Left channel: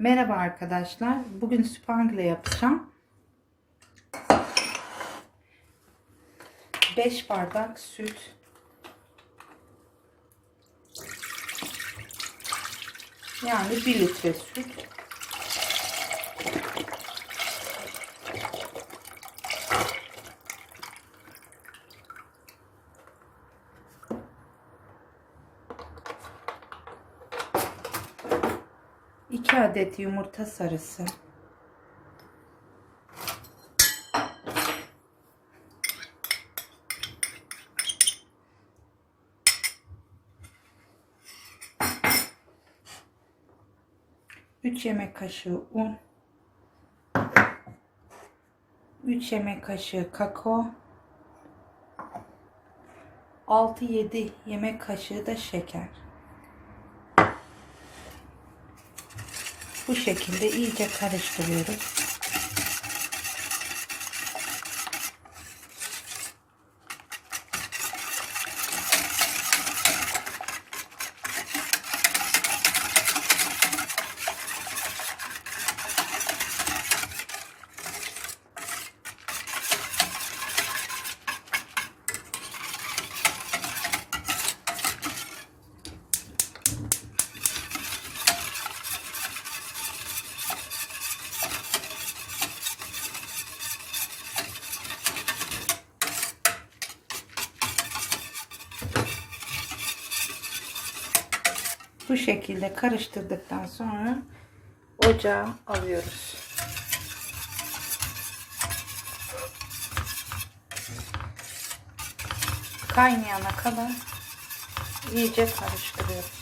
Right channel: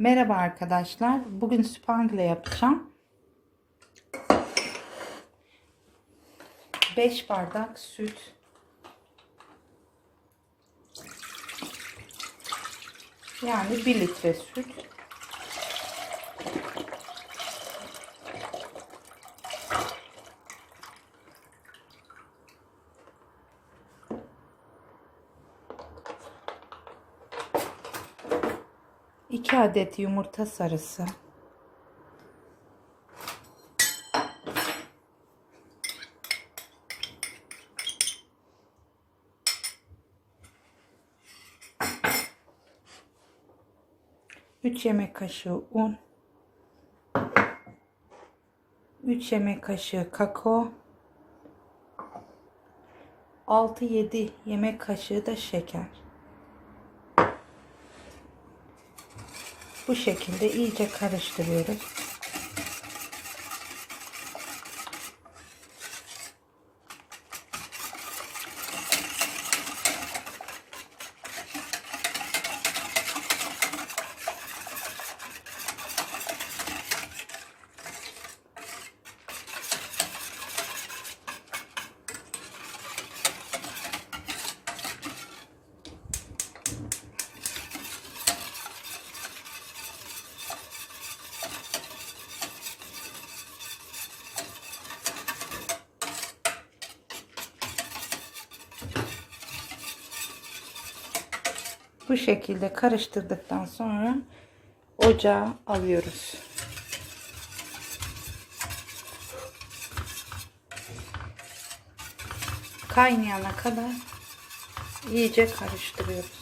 Merhaba arkadaşlar. Bugün spangle yapacağım. 5 bardak süt. Yani 1 litre süt. İki adet yumurta sarısı. Üç yemek kaşığı un. 3 yemek kaşığı kakao. 6-7 yemek kaşığı da şeker. Bu şekilde iyice karıştırıyoruz. Bu şekilde karıştırdıktan sonra ocağa alıyoruz. Kaynayana kadar iyice karıştırıyoruz.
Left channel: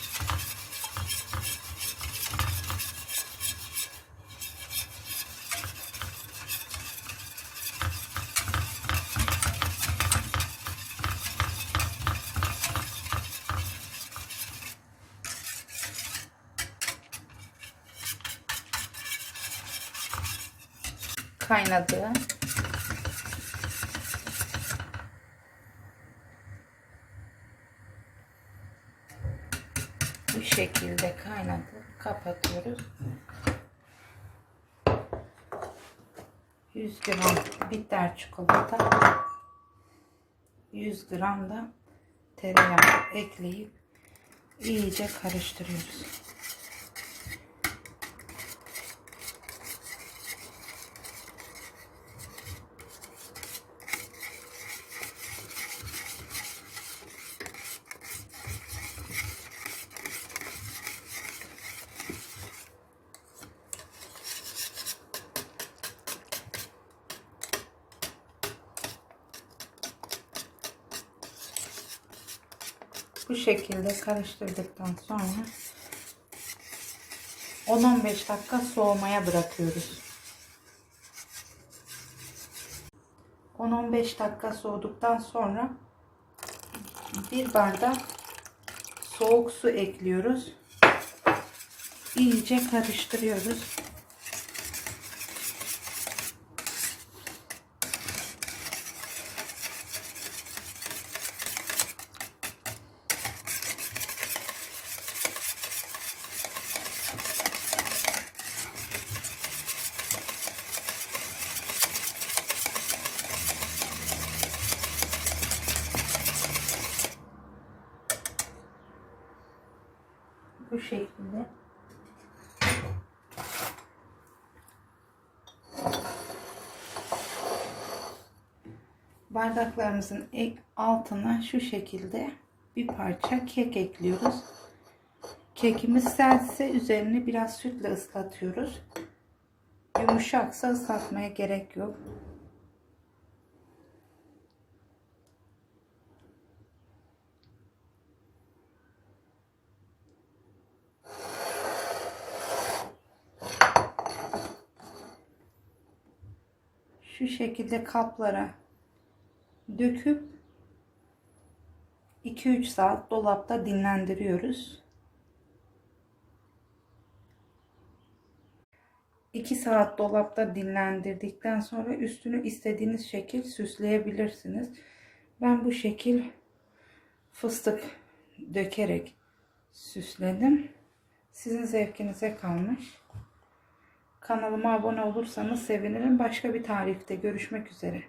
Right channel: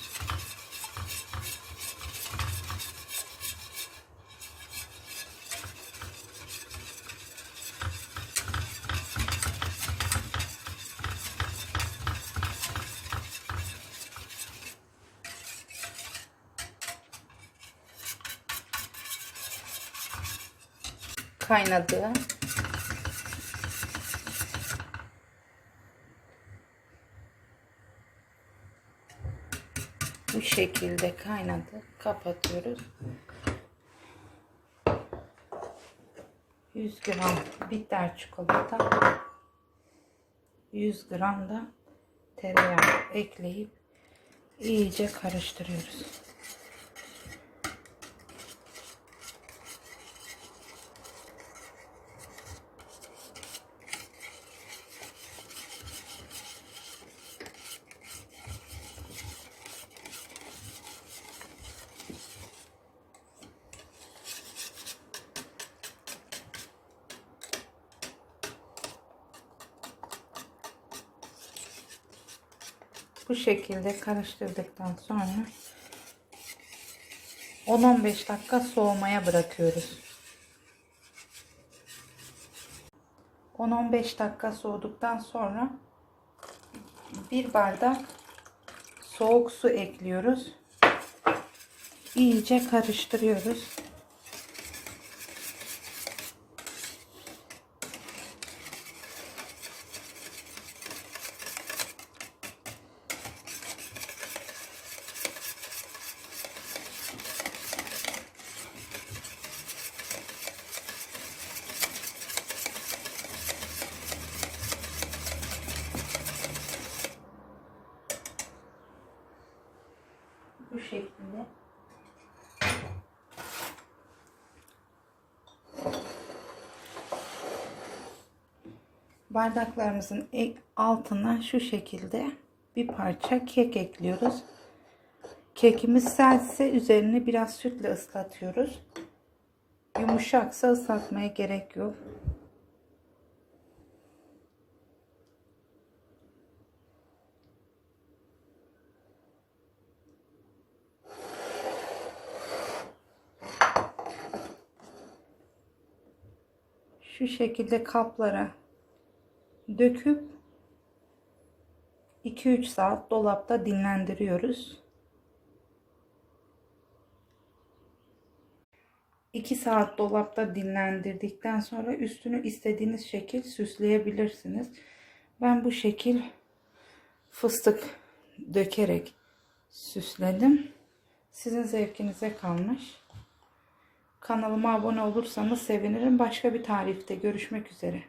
Kaynadı. Bu şekilde kaynadı. Kapatıyoruz. 100 gram bitter çikolata 100 gram da tereyağı ekleyip iyice karıştırıyoruz. Bu şekilde karıştırdıktan sonra 10-15 dakika soğumaya bırakıyoruz. 10-15 dakika soğuduktan sonra bir bardak soğuk su ekliyoruz. İyice karıştırıyoruz. Bu şekilde bardaklarımızın altına şu şekilde bir parça kek ekliyoruz. Kekimiz sertse üzerini biraz sütle ıslatıyoruz. Yumuşaksa ıslatmaya gerek yok. Şu şekilde kaplara döküp 2-3 saat dolapta dinlendiriyoruz. 2 saat dolapta dinlendirdikten sonra üstünü istediğiniz şekil süsleyebilirsiniz. Ben bu şekil fıstık dökerek süsledim. Sizin zevkinize kalmış. Kanalıma abone olursanız sevinirim. Başka bir tarifte görüşmek üzere.